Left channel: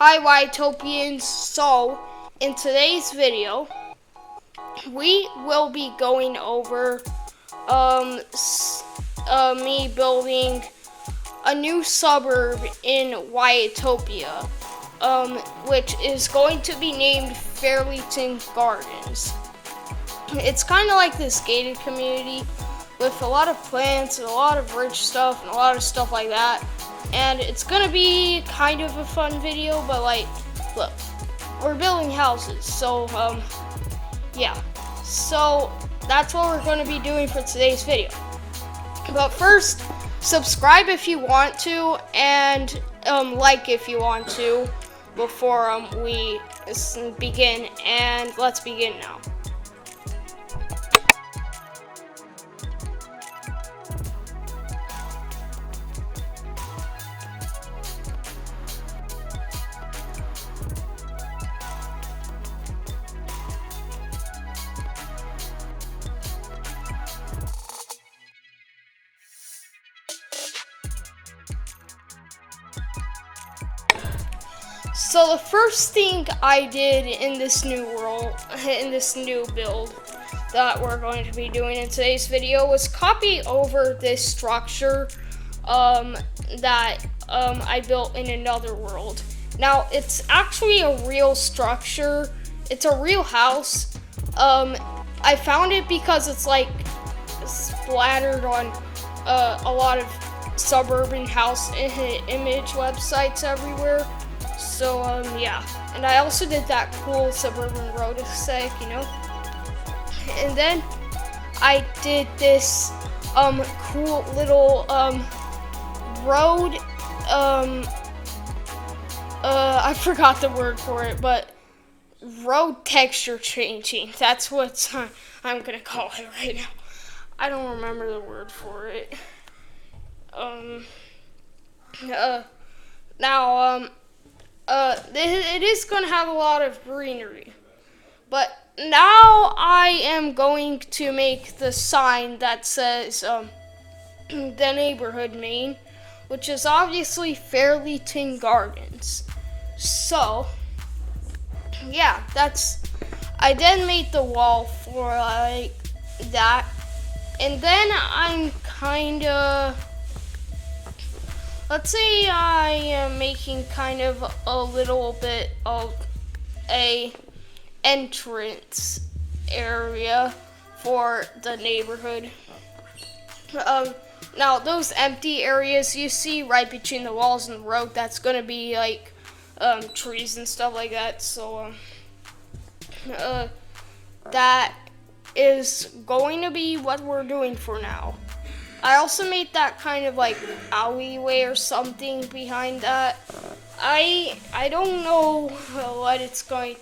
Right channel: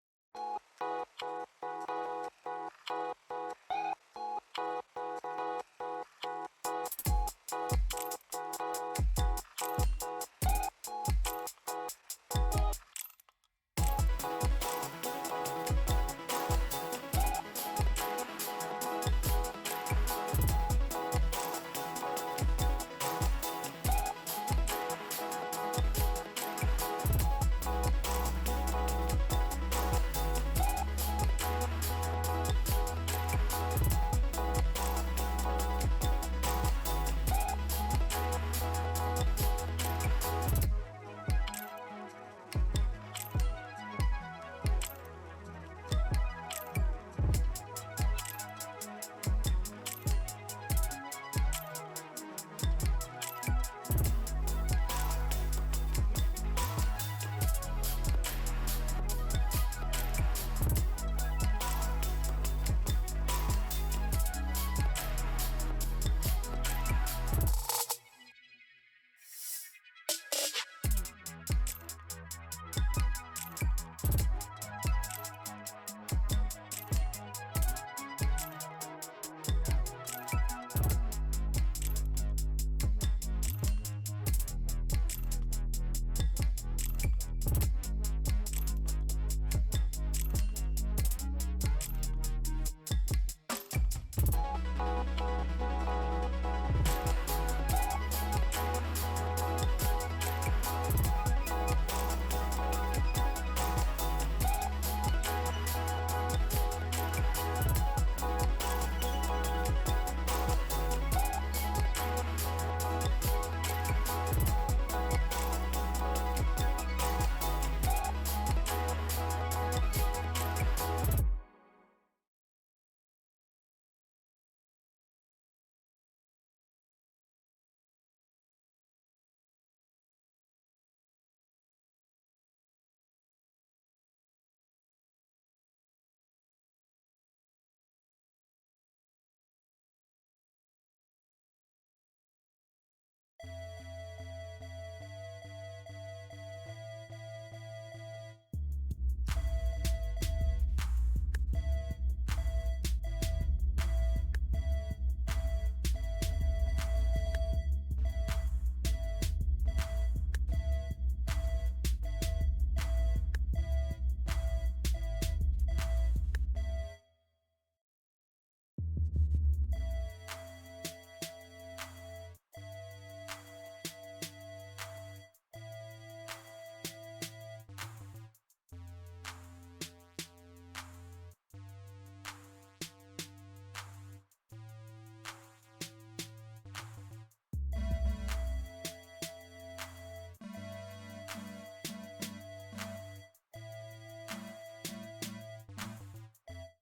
Hi Wyattopians, so in today's video we will be going over me building a new suburb in Wyattopia, which is going to be named Farleighton Gardens. It's kind of like this gated community with a lot of plants and a lot of rich stuff and a lot of stuff like that. And it's gonna be kind of a fun video, but like, look, we're building houses, so yeah. So that's what we're gonna be doing for today's video. But first, subscribe if you want to, and like if you want to, before we begin. And let's begin now. So the first thing I did in this new build that we're going to be doing in today's video was copy over this structure that I built in another world. Now it's actually a real structure. It's a real house. I found it because it's like splattered on a lot of suburban house image websites everywhere. So, yeah. And I also did that cool suburban road aesthetic, you know? And then I did this, cool little, road, I forgot the word for it, but road texture changing. That's what I'm gonna call it right now. I don't remember the word for it. It is going to have a lot of greenery, but now I am going to make the sign that says the neighborhood name, which is obviously Farleighton Gardens. So yeah, I then made the wall for like that, and then I'm let's say I am making kind of a little bit of a entrance area for the neighborhood. Now those empty areas you see right between the walls and the road, that's gonna be like trees and stuff like that. So that is going to be what we're doing for now. I also made that kind of like alleyway or something behind that. I don't know what it's gonna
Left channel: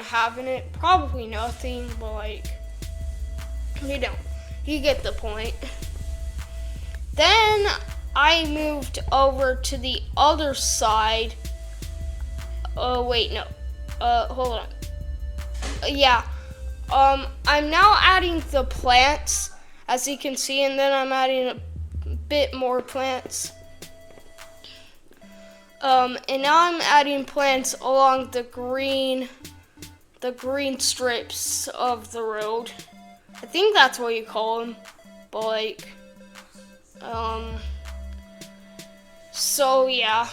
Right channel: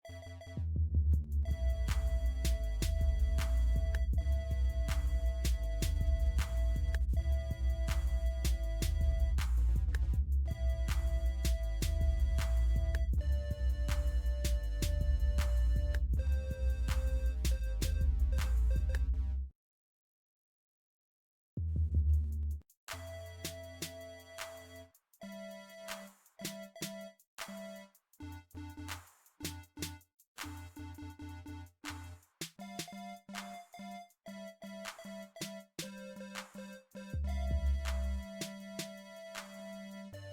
have in it. Probably nothing, but like, you get the point. Then I moved over to the other side. Wait, no. Hold on. Yeah. I'm now adding the plants, as you can see, and then I'm adding a bit more plants. And now I'm adding plants along the green strips of the road. I think that's what you call them, but like, so yeah.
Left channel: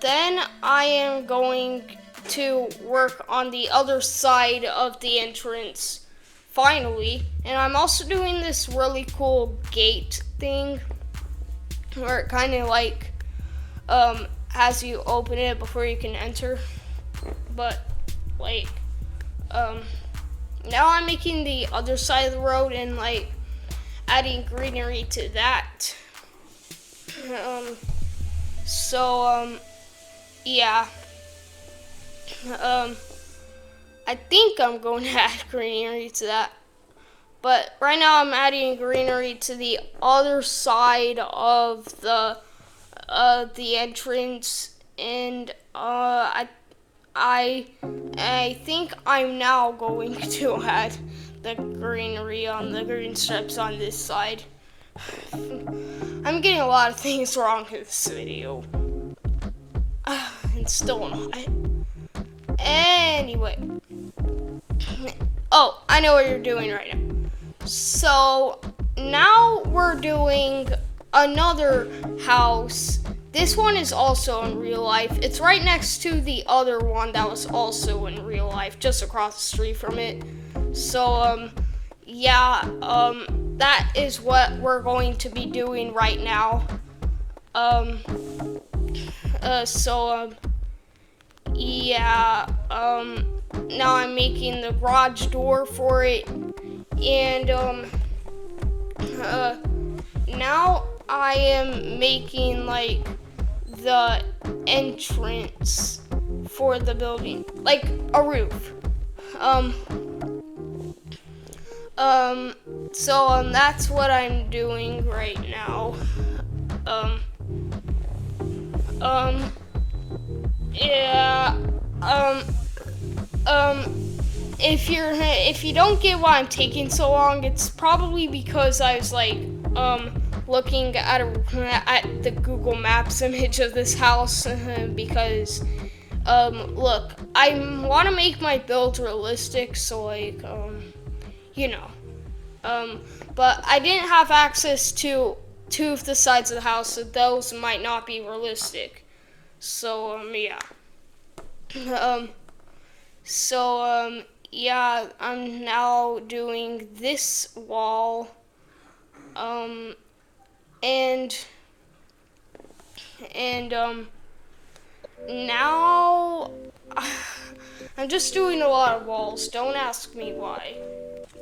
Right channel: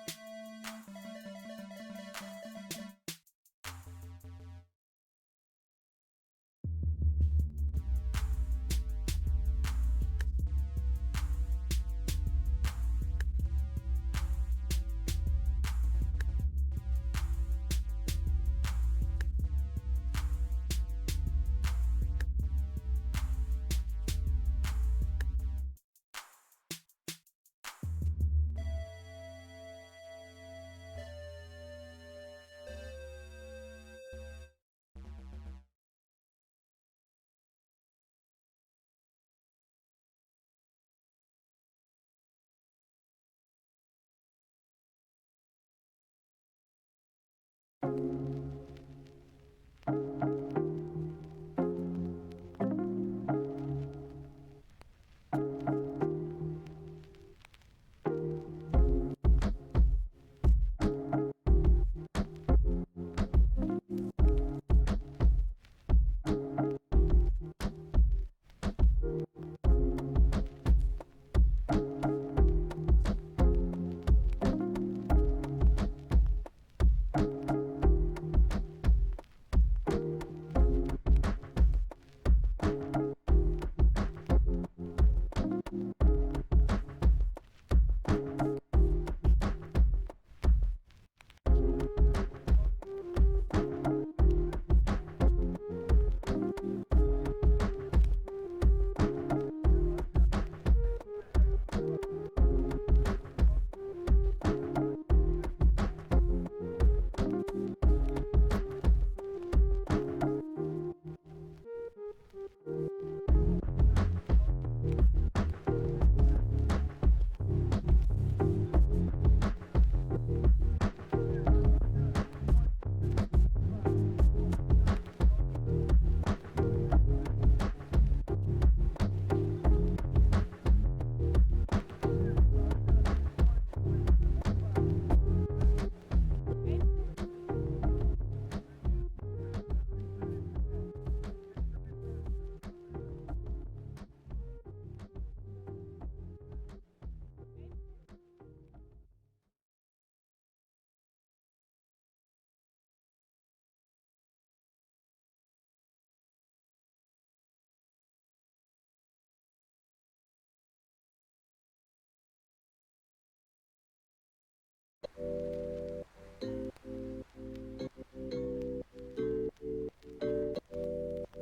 Then I am going to work on the other side of the entrance finally, and I'm also doing this really cool gate thing where it kind of like has you open it before you can enter, but like now I'm making the other side of the road and like adding greenery to that. Yeah. I think I'm going to add greenery to that. But right now I'm adding greenery to the other side of the entrance, and I think I'm now going to add the greenery on the green strips on this side. I'm getting a lot of things wrong in this video. And still not. Anyway. Oh, I know what you're doing right now. So, now we're doing another house. This one is also in real life. It's right next to the other one that was also in real life, just across the street from it. So, yeah, that is what we're going to be doing right now. Yeah, now I'm making the garage door for it, and, now I am making, like, the entrance for the building, like a roof. That's what I'm doing right now. Yeah, if you don't get why I'm taking so long, it's probably because I was like, looking at the Google Maps image of this house, because, look, I want to make my build realistic, so, like, you know, but I didn't have access to two of the sides of the house, so those might not be realistic, so, yeah. Yeah, I'm now doing this wall, now I'm just doing a lot of walls. Don't ask me why,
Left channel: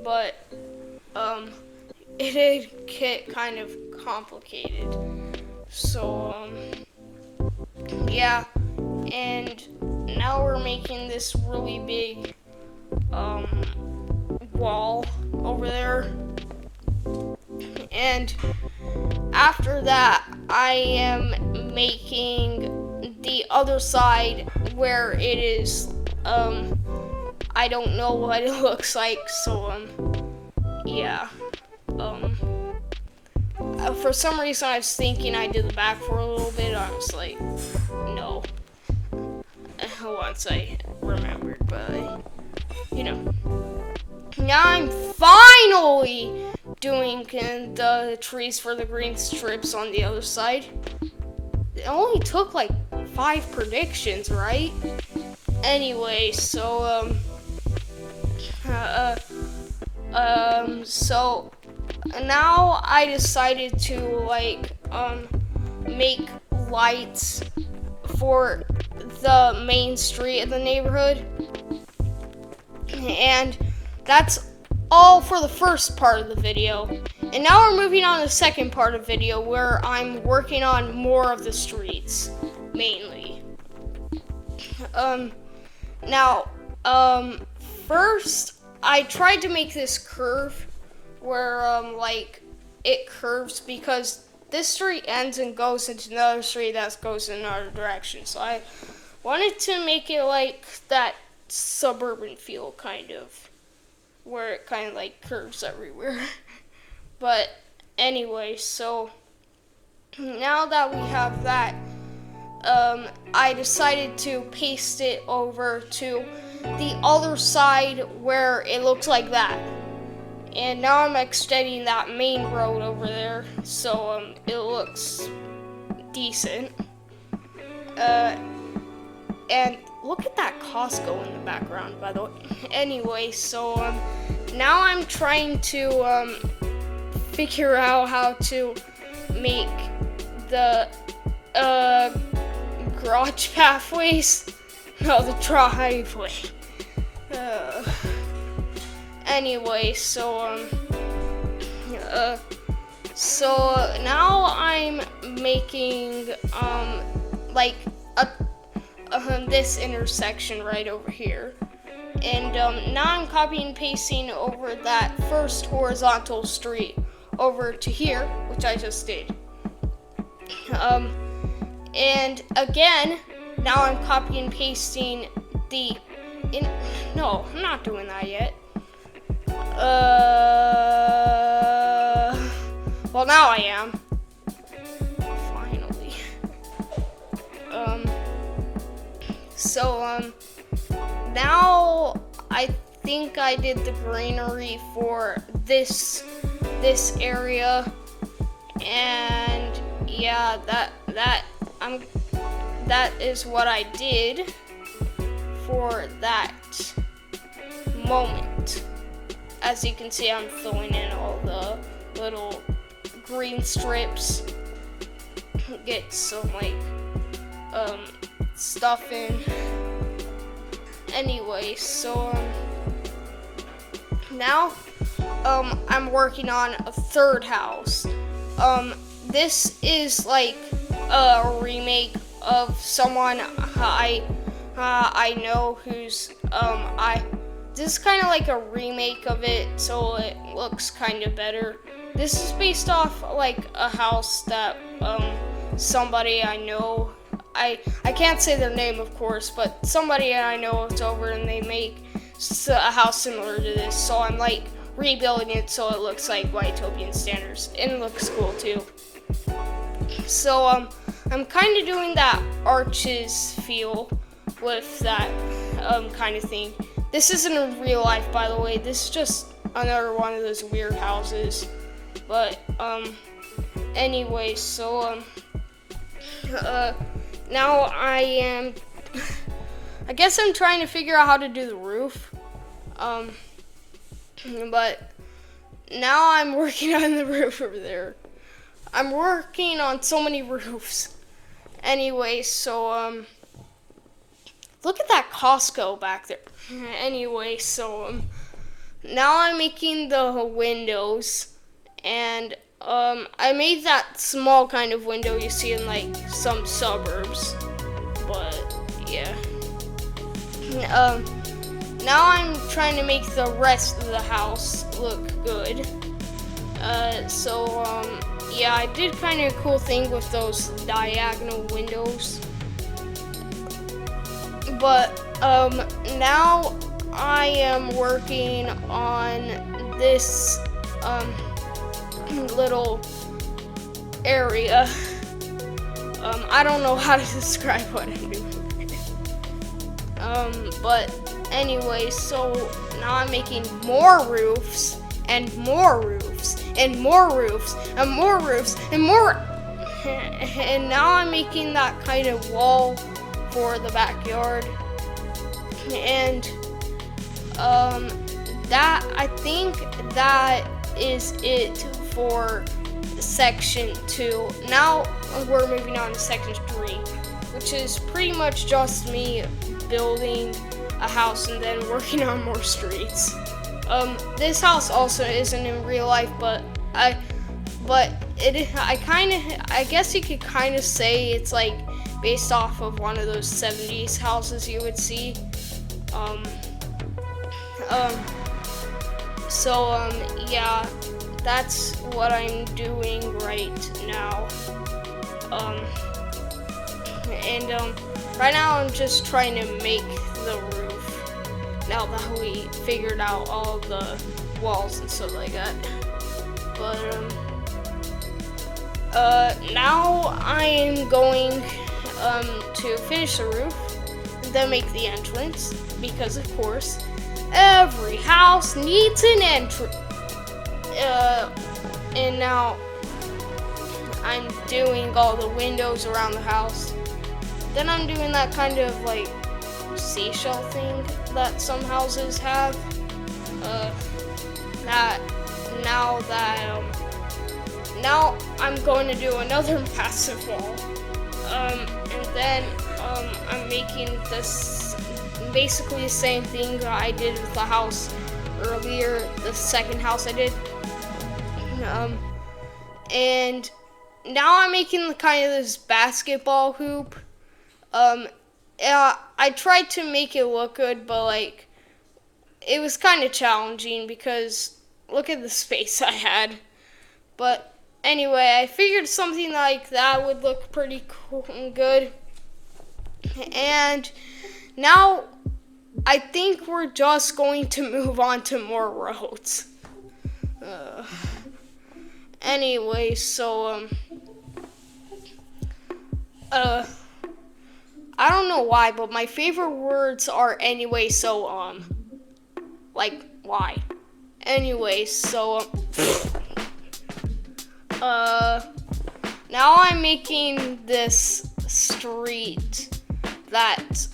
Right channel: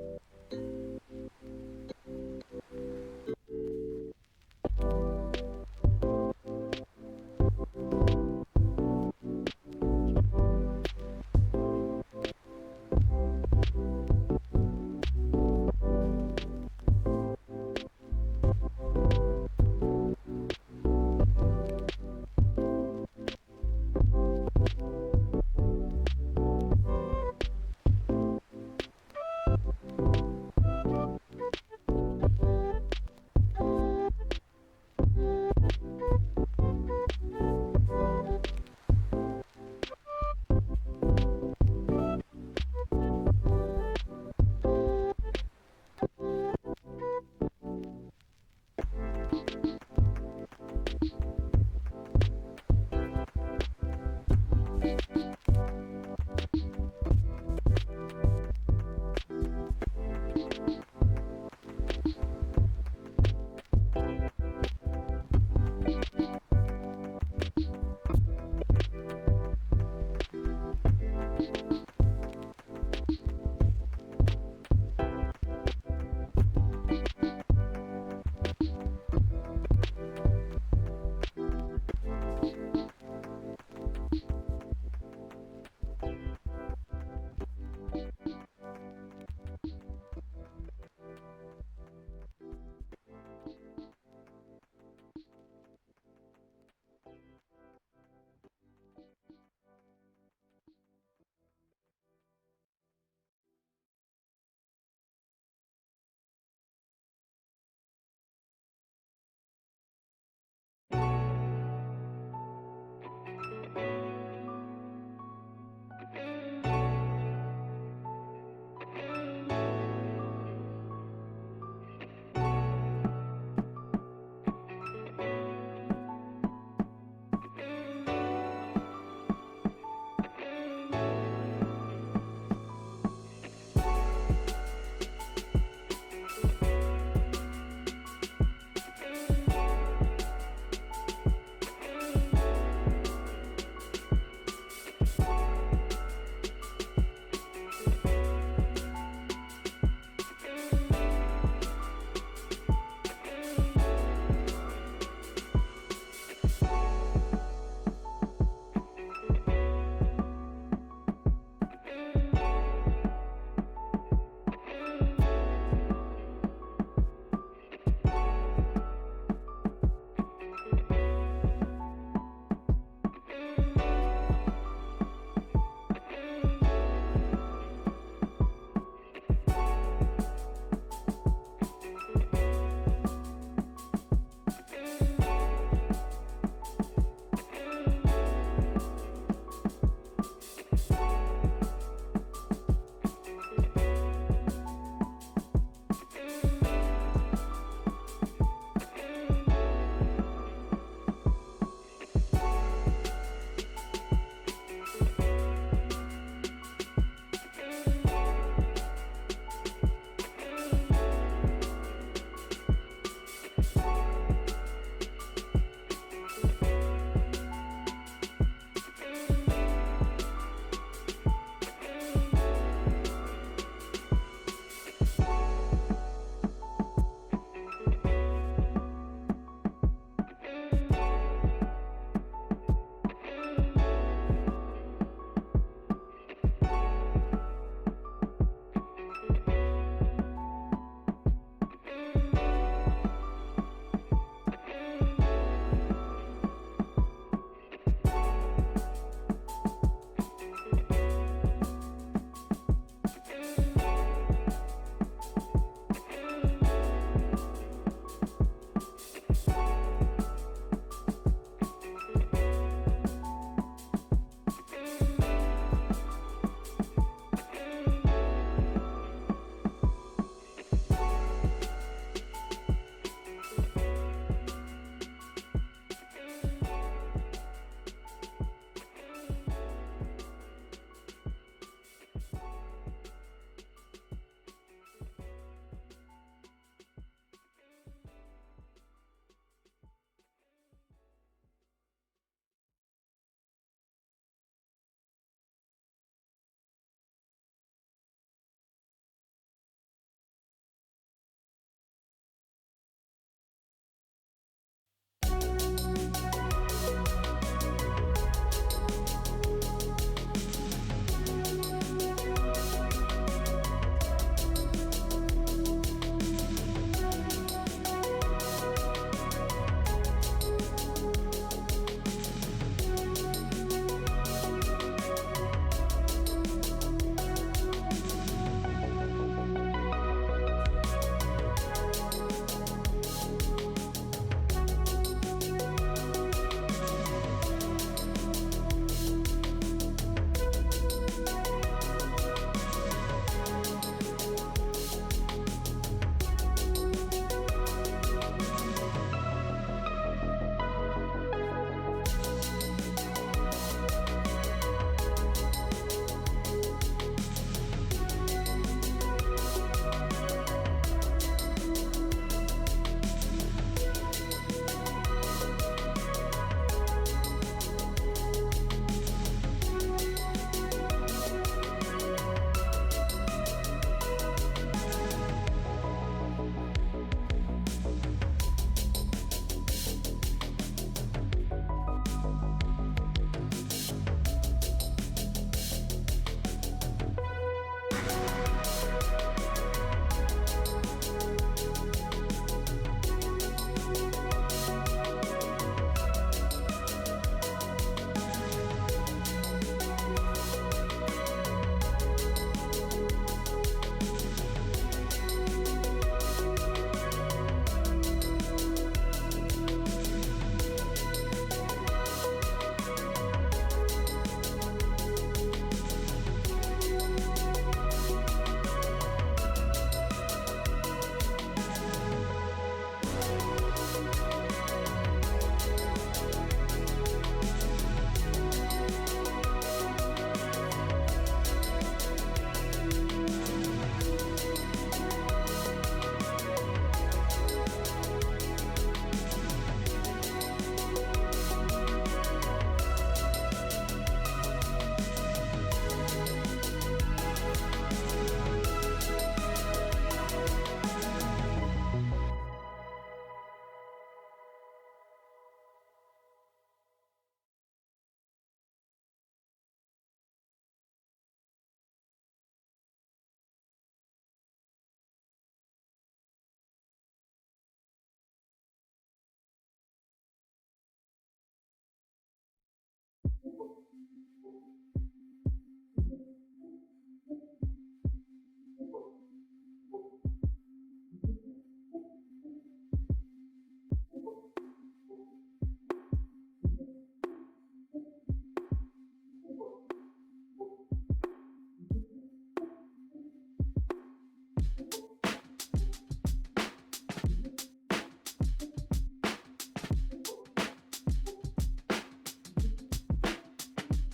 but it did get kind of complicated. So yeah, and now we're making this really big wall over there, and after that I am making the other side where it is, I don't know what it looks like, so yeah, for some reason I was thinking I did the back for a little bit. I was like, no, once I remembered, but you know, now I'm finally doing the trees for the green strips on the other side. It only took like 5 predictions, right? Anyway, so now I decided to like make lights for the main street of the neighborhood, and that's all for the first part of the video. And now we're moving on to the second part of the video, where I'm working on more of the streets, mainly. First, I tried to make this curve where, like, it curves because this street ends and goes into another street that goes in another direction. So I wanted to make it like that suburban feel, kind of, where it kind of like curves everywhere. But anyway, so now that we have that, I decided to paste it over to the other side where it looks like that. And now I'm extending that main road over there, so it looks decent. And look at that Costco in the background, by the way. Anyway, so now I'm trying to figure out how to make the garage pathways. No, the driveway. Anyway, so now I'm making like this intersection right over here, and now I'm copying and pasting over that first horizontal street over to here, which I just did. And again, now I'm copying and pasting no, I'm not doing that yet. Well, now I did the greenery for this area, and yeah, that is what I did for that moment. As you can see, I'm filling in all the little green strips. Get some stuff in. Anyway, so now I'm working on a third house. This is like a remake of someone I know who's this is kind of like a remake of it, so it looks kind of better. This is based off like a house that somebody I know, I can't say their name of course, but somebody I know is over and they make a house similar to this, so I'm like rebuilding it so it looks like Wyattopian standards, and it looks cool too. So I'm kind of doing that arches feel with that kind of thing. This isn't in real life, by the way. This is just another one of those weird houses. But anyway, so now I guess I'm trying to figure out how to do the roof. But now I'm working on the roof over there. I'm working on so many roofs. Anyway, so look at that Costco back there. Anyway, so now I'm making the windows, and I made that small kind of window you see in like some suburbs. But yeah. Now I'm trying to make the rest of the house look good. Yeah, I did kind of a cool thing with those diagonal windows. But now I am working on this little area. I don't know how to describe what I'm doing. But anyway, so now I'm making more roofs and more roofs and more roofs and more roofs and more. And now I'm making that kind of wall for the backyard. And that, I think that is it for section 2. Now we're moving on to section 3, which is pretty much just me building a house and then working on more streets. This house also isn't in real life, but I guess you could kind of say it's like based off of one of those 70s houses you would see. Yeah, that's what I'm doing right now. Right now I'm just trying to make the roof, now that we figured out all the walls and stuff like that. But now I am going to finish the roof, then make the entrance, because of course every house needs an entrance. And now I'm doing all the windows around the house. Then I'm doing that kind of like seashell thing that some houses have. Now I'm going to do another massive wall. And then I'm making this basically the same thing that I did with the house earlier, the second house I did. And now I'm making the kind of this basketball hoop. I tried to make it look good, but like it was kind of challenging because look at the space I had. But anyway, I figured something like that would look pretty cool and good. And now I think we're just going to move on to more roads. Anyway, so I don't know why, but my favorite words are anyway, so like Why? Anyway, so now I'm making this street that's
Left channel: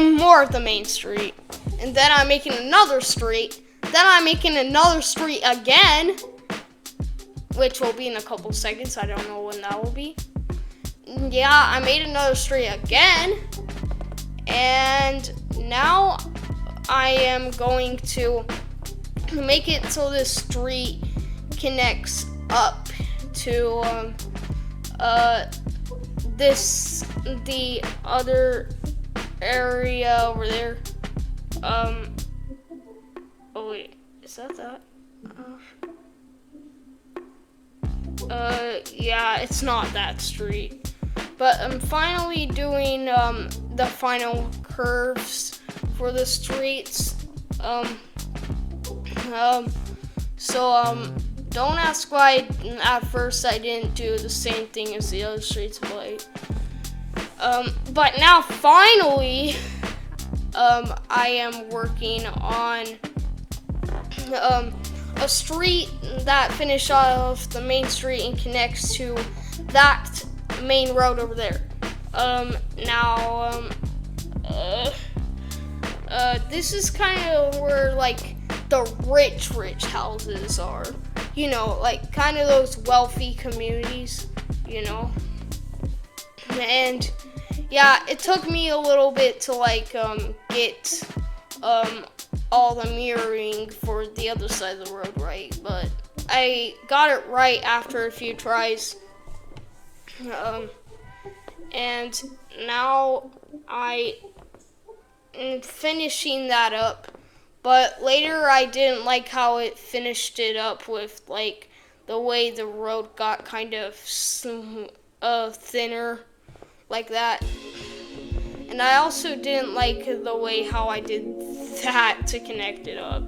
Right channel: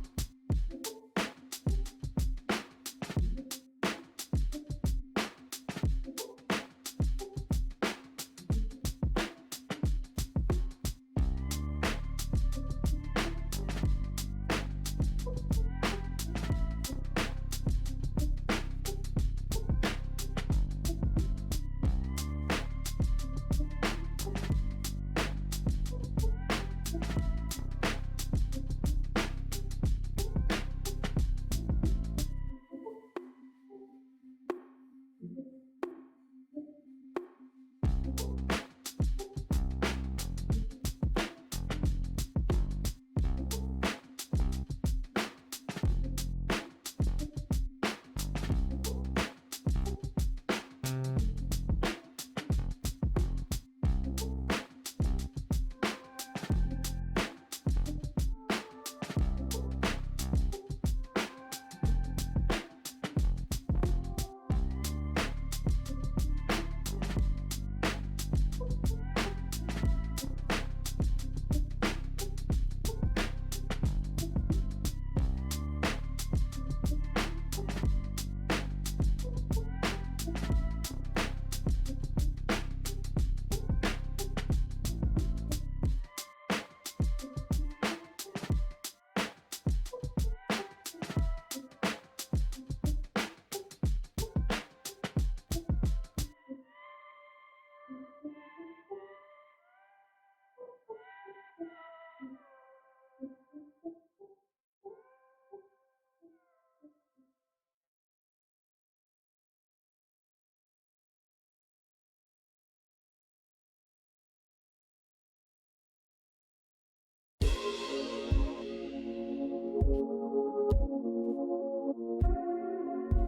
more of the main street, and then I'm making another street, then I'm making another street again, which will be in a couple seconds. I don't know when that will be. Yeah, I made another street again, and now I am going to make it so this street connects up to the other area over there. Oh wait, is that? Yeah, it's not that street. But I'm finally doing the final curves for the streets. Don't ask why at first I didn't do the same thing as the other streets, but now finally, I am working on a street that finishes off the main street and connects to that main road over there. This is kind of where like the rich houses are, you know, like kind of those wealthy communities, you know. And yeah, it took me a little bit to like get all the mirroring for the other side of the road right, but I got it right after a few tries. And now I am finishing that up, but later I didn't like how it finished it up with like the way the road got kind of thinner like that. And I also didn't like the way how I did that to connect it up.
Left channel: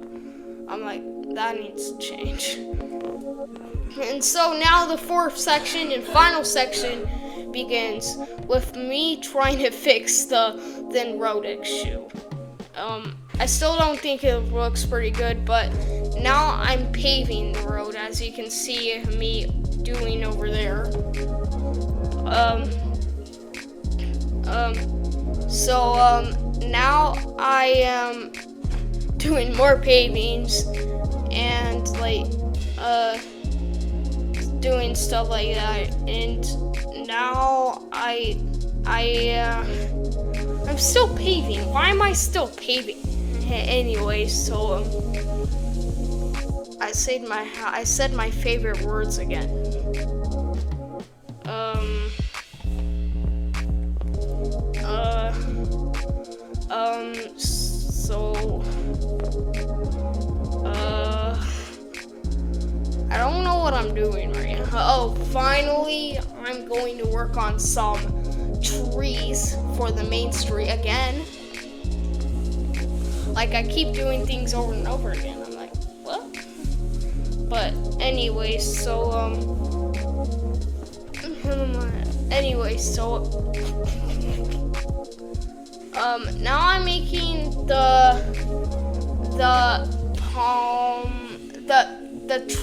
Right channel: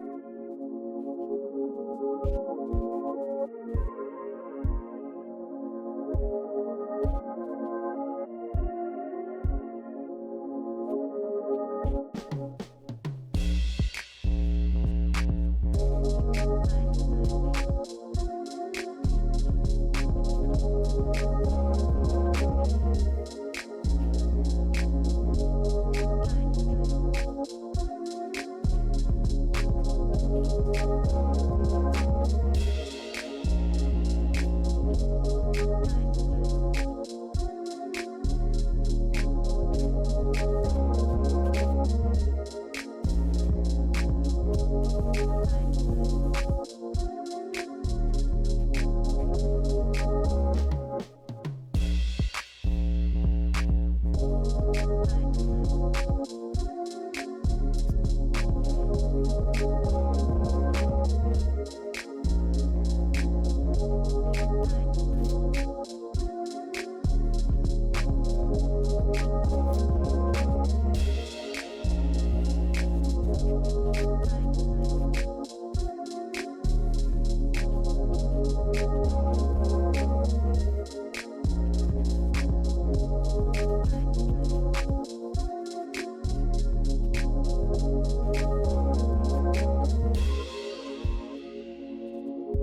I'm like, that needs to change. And so now the fourth section and final section begins with me trying to fix the thin road issue. I still don't think it looks pretty good, but now I'm paving the road, as you can see me doing over there. Now I am doing more pavings and like doing stuff like that, and now I'm still paving. Why am I still paving? Anyway, so I said my favorite words again. I don't know what I'm doing right now. Oh, finally, I'm going to work on some trees for the main street again. Like, I keep doing things over and over again. I'm like, what? But anyway, now I'm making the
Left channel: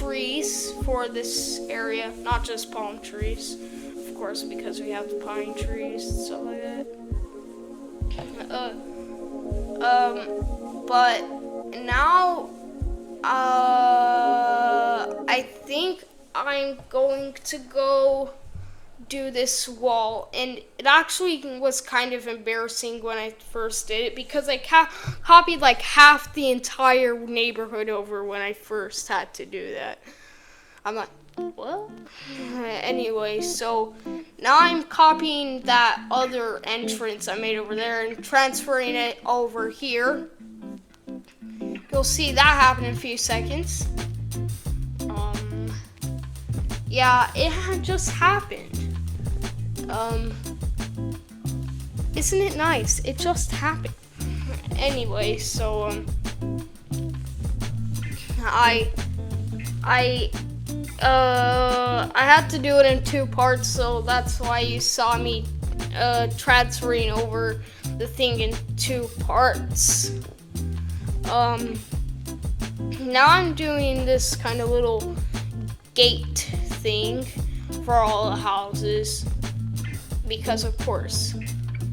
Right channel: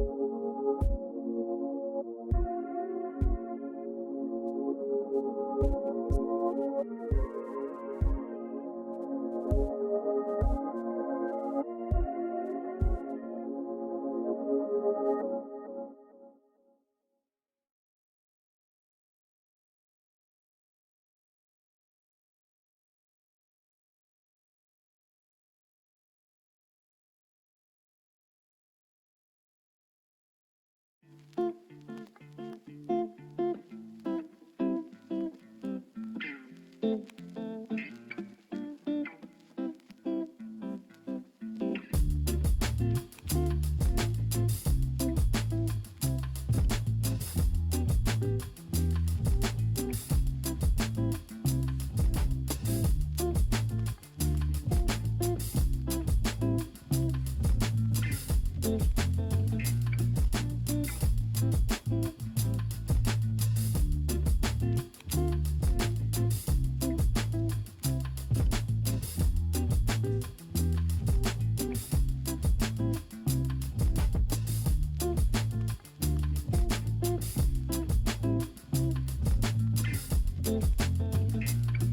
trees for this area, not just palm trees, of course, because we have the pine trees and stuff like that. But now, I think I'm going to go do this wall, and it actually was kind of embarrassing when I first did it, because I copied like half the entire neighborhood over when I first had to do that. I'm like, what? Anyway, so now I'm copying that other entrance I made over there and transferring it over here. You'll see that happen in a few seconds. Yeah, it had just happened. Isn't it nice? It just happened. Anyway, so I had to do it in two parts, so that's why you saw me transferring over the thing in two parts. now I'm doing this kind of little gate thing for all the houses because, of course,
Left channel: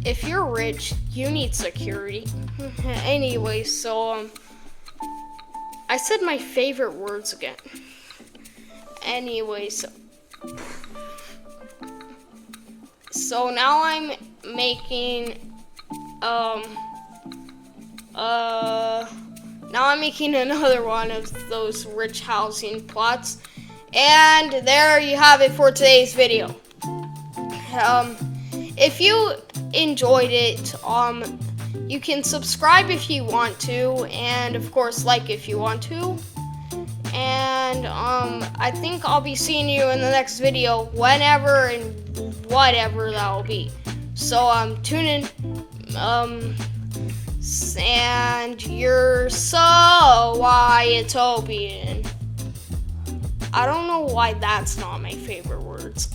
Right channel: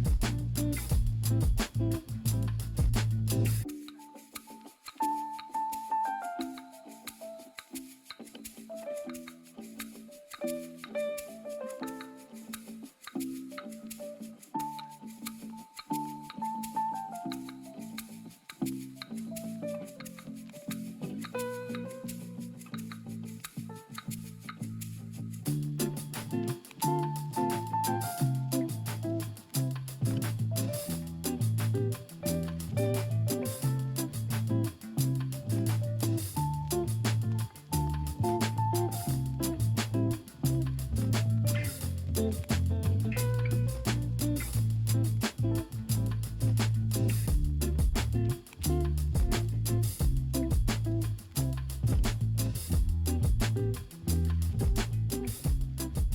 if you're rich, you need security. Anyway, so I said my favorite words again. Anyway, so now I'm making another one of those rich housing plots. And there you have it for today's video. If you enjoyed it, you can subscribe if you want to, and of course like if you want to. And I think I'll be seeing you in the next video, whenever and whatever that will be. So tune in. And you're so Wyattopian. I don't know why that's not my favorite words.